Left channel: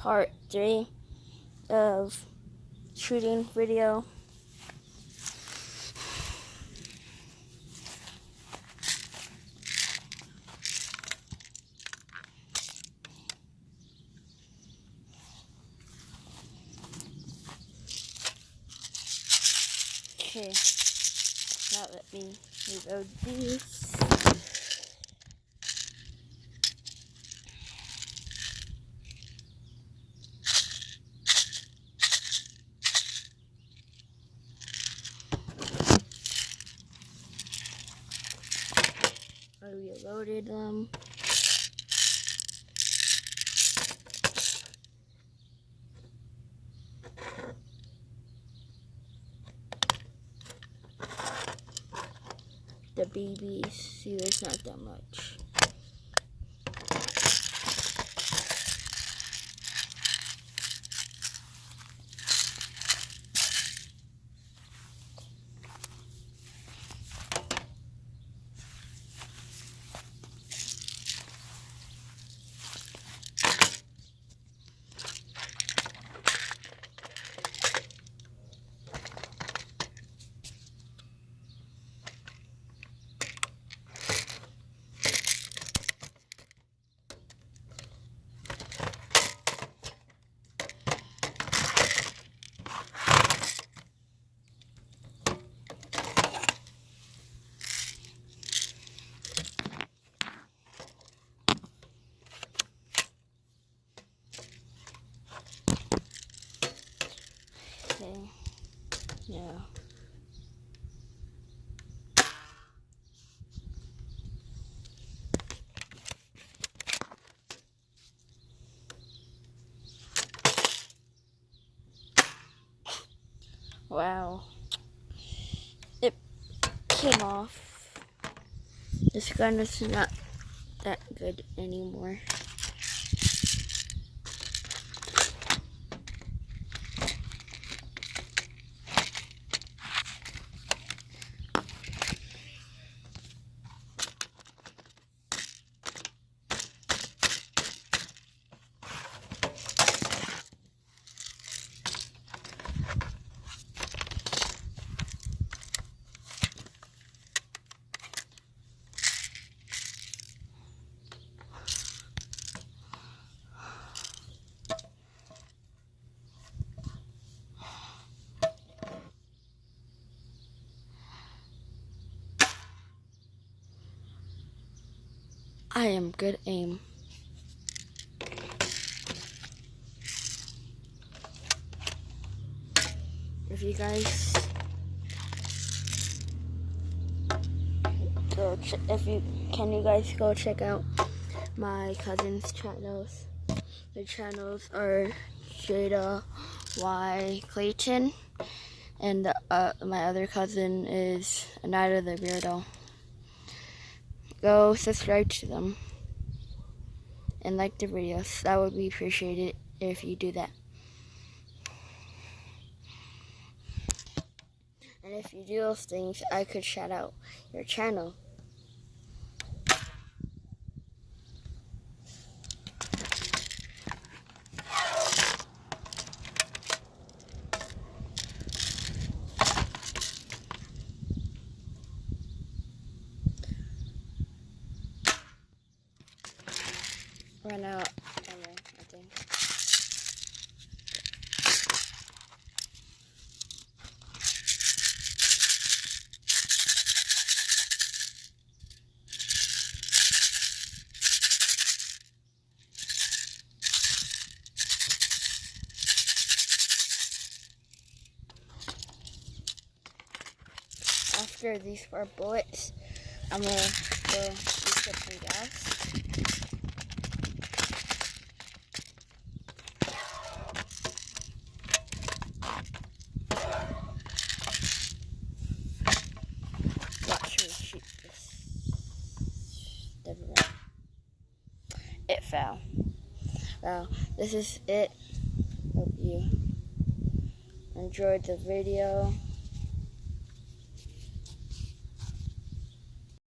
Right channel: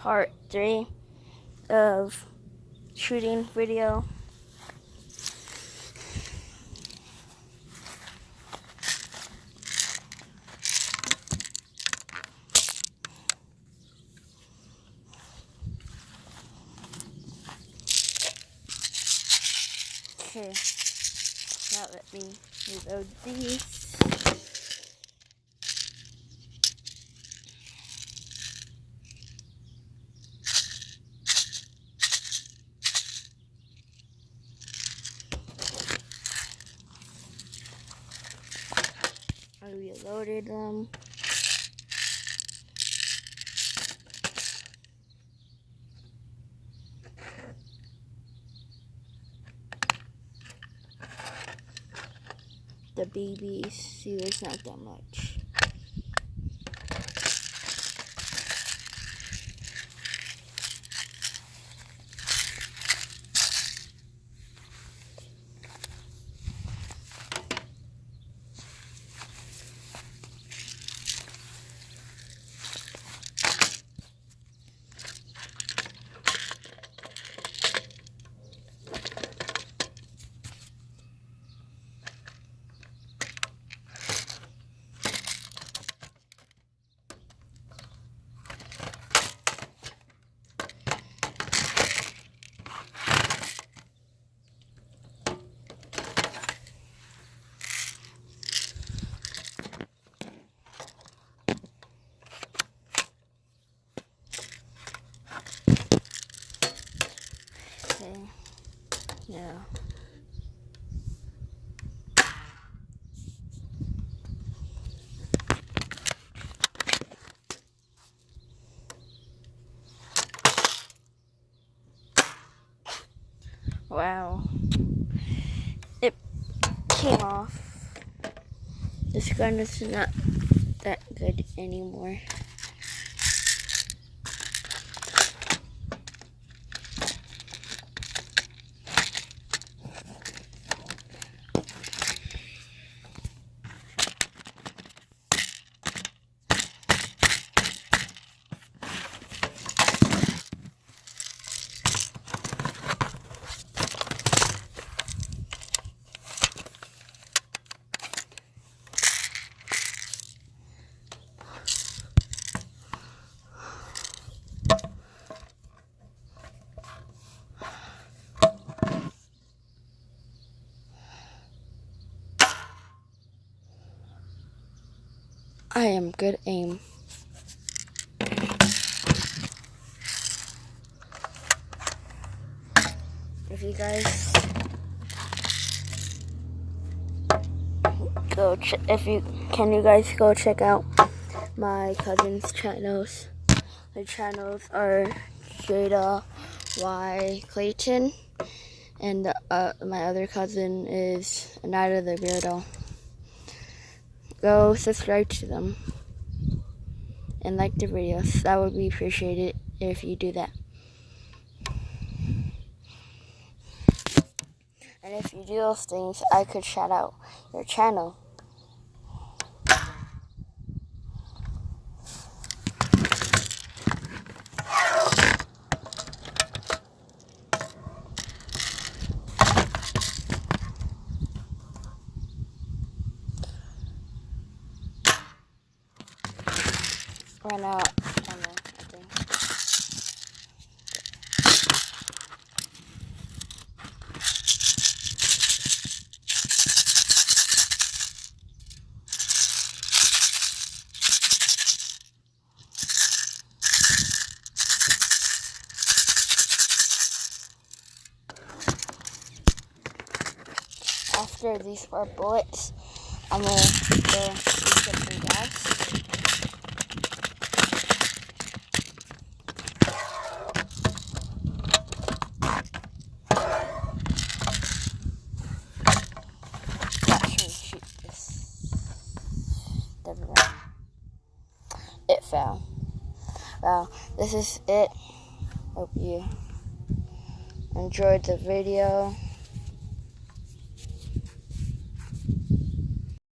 part 3 of shooting video. Okay, now let me reload these. I reloaded them. The BBs, see, there's not that much. Okay, yeah. Wow, it came off. This gun is not that good anymore. I am good aim. If you guys can you guys go check out my cousin's channels. The channels are Jada Y Clayton, and my other cousin is Anita the Beardo. Go subscribe to them and like the videos. That would be appreciated if you do that. And if you do those things, I could shout out your channel. Ran out ammo, I think. After these 4 bullets, I'm gonna go get some gas. It fell. Well, this is it. Hope you enjoyed the video.